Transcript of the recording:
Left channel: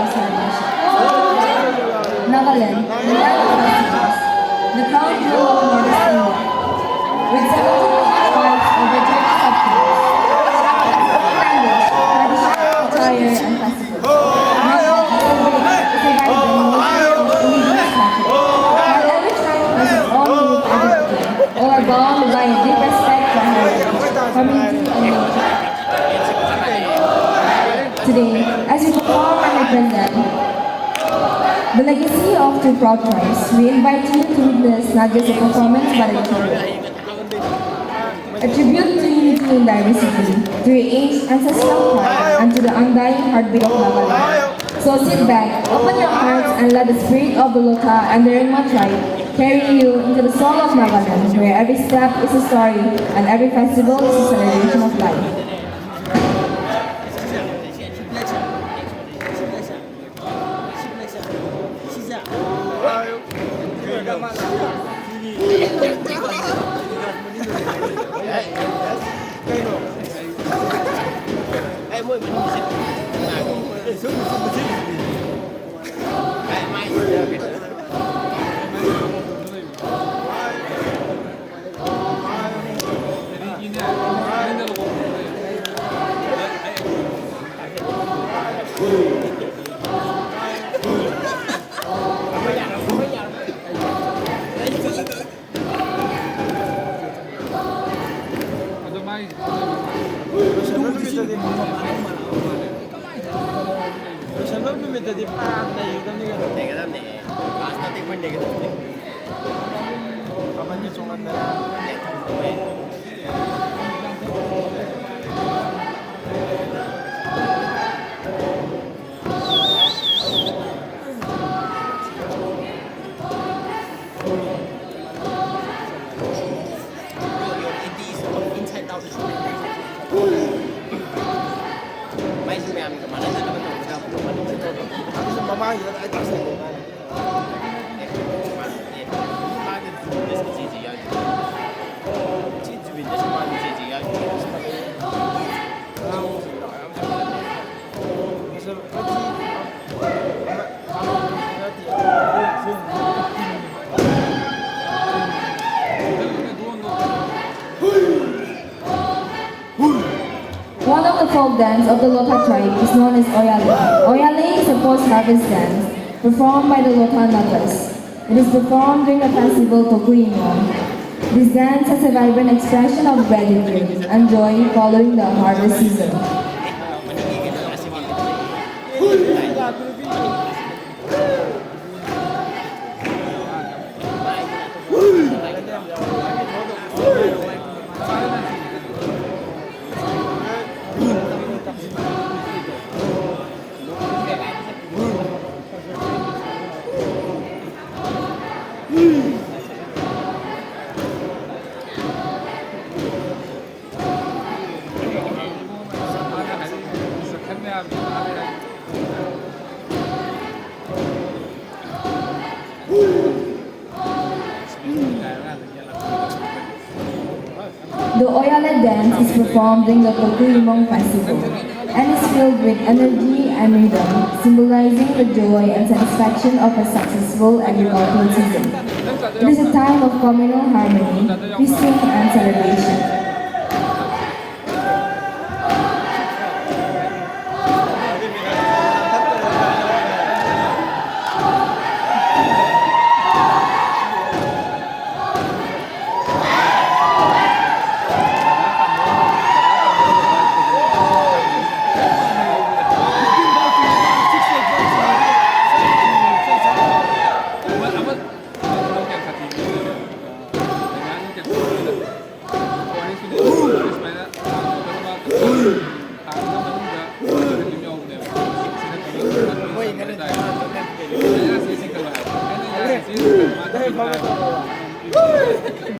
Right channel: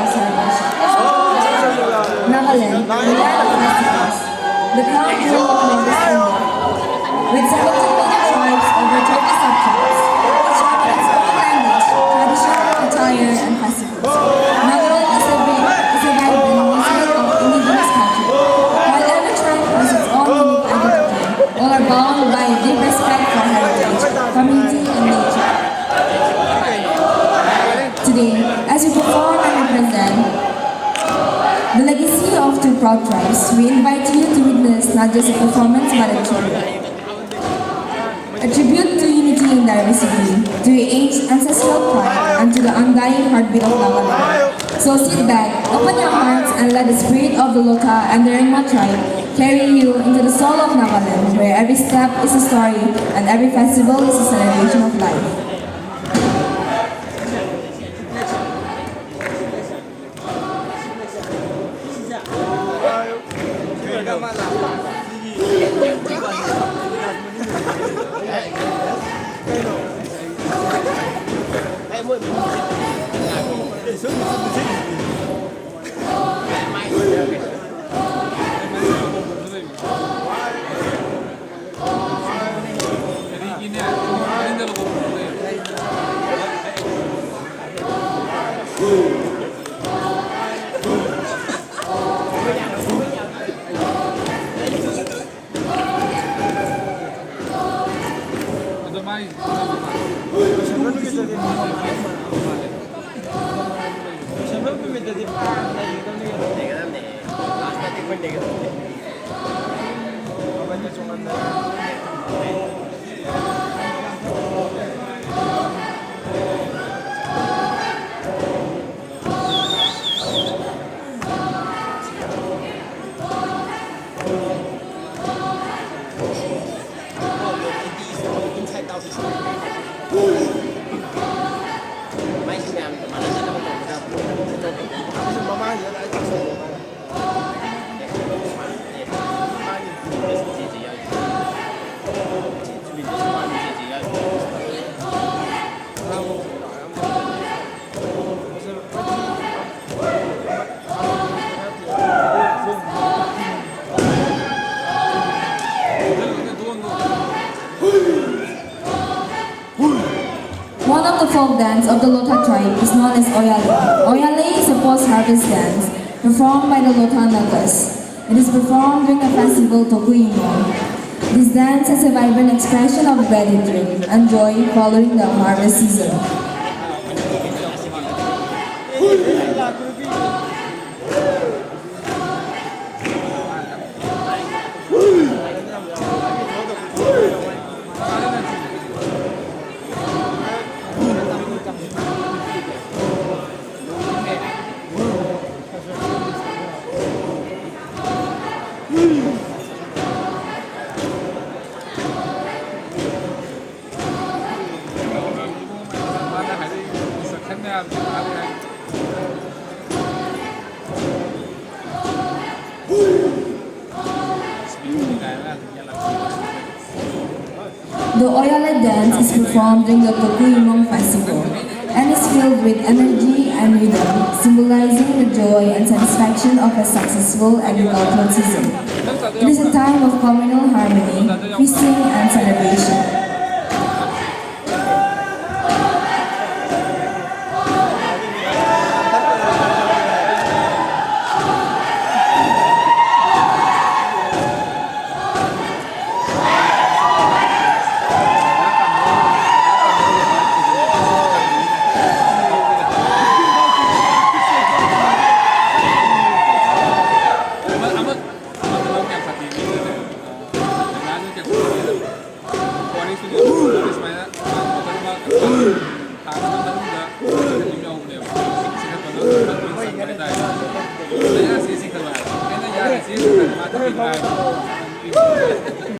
of celebration. Nagaland, the land of festivals, the crown jewel of Northeast India, with 17 major tribes over 30 subtribes, each having its own language, tradition, attire, and festivals. Nagaland is a vibrant museum of indigenous culture, while every tribe has its own unique identity. All are bound by a deep respect for heritage, community, and nature. Today, as we perform and represent the legacy of two proud tribes, we invite you to witness not just a performance but a tribute. A tribute to unity in diversity, to your ancestral pride, and to the undying heartbeat of Nagaland. So sit back, open your hearts, and let the spirit of the Lota and the Ringma tribe carry you into the soul of Nagaland, where every step is a story and every festival is a celebration of life. One of the folk dance of the Lota tribe is known as Oyale. Oyale is a post-harvest dance performed by the Lota Nagas. It is performed during the festival Tokuino. This dance is a vibrant expression of gratitude and joy following the harvest season. The Oyale dance is performed during the Tokuino festival and is filled with energy and rhythm, symbolizing the joy and satisfaction of a successful agricultural season. It is a time of communal harmony, feasting, and celebration.